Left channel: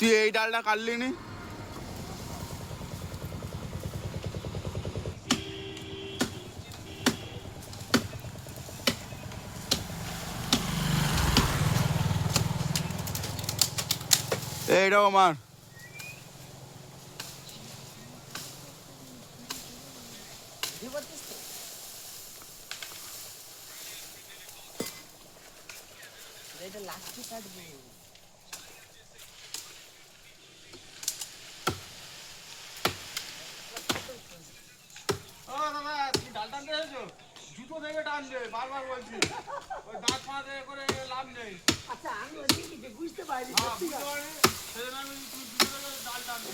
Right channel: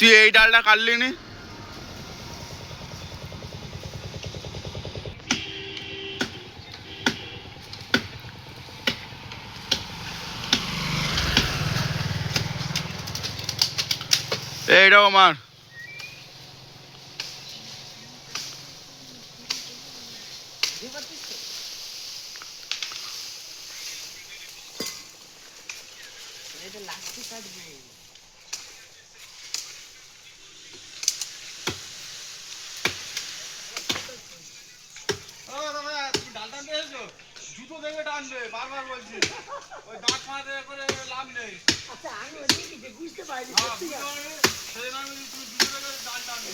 তুই এই ডালটা কাটলি নি? এইটাও আমার। জুতো ভেঙে টানবে, বারবার বলছি। ওই দাঁত মাঝে করে লাভ নেই। আচ্ছা আমি বুঝতে পারিনি। সেজন্য আমি তুমি জুতো ভেঙে ডাল টানবে।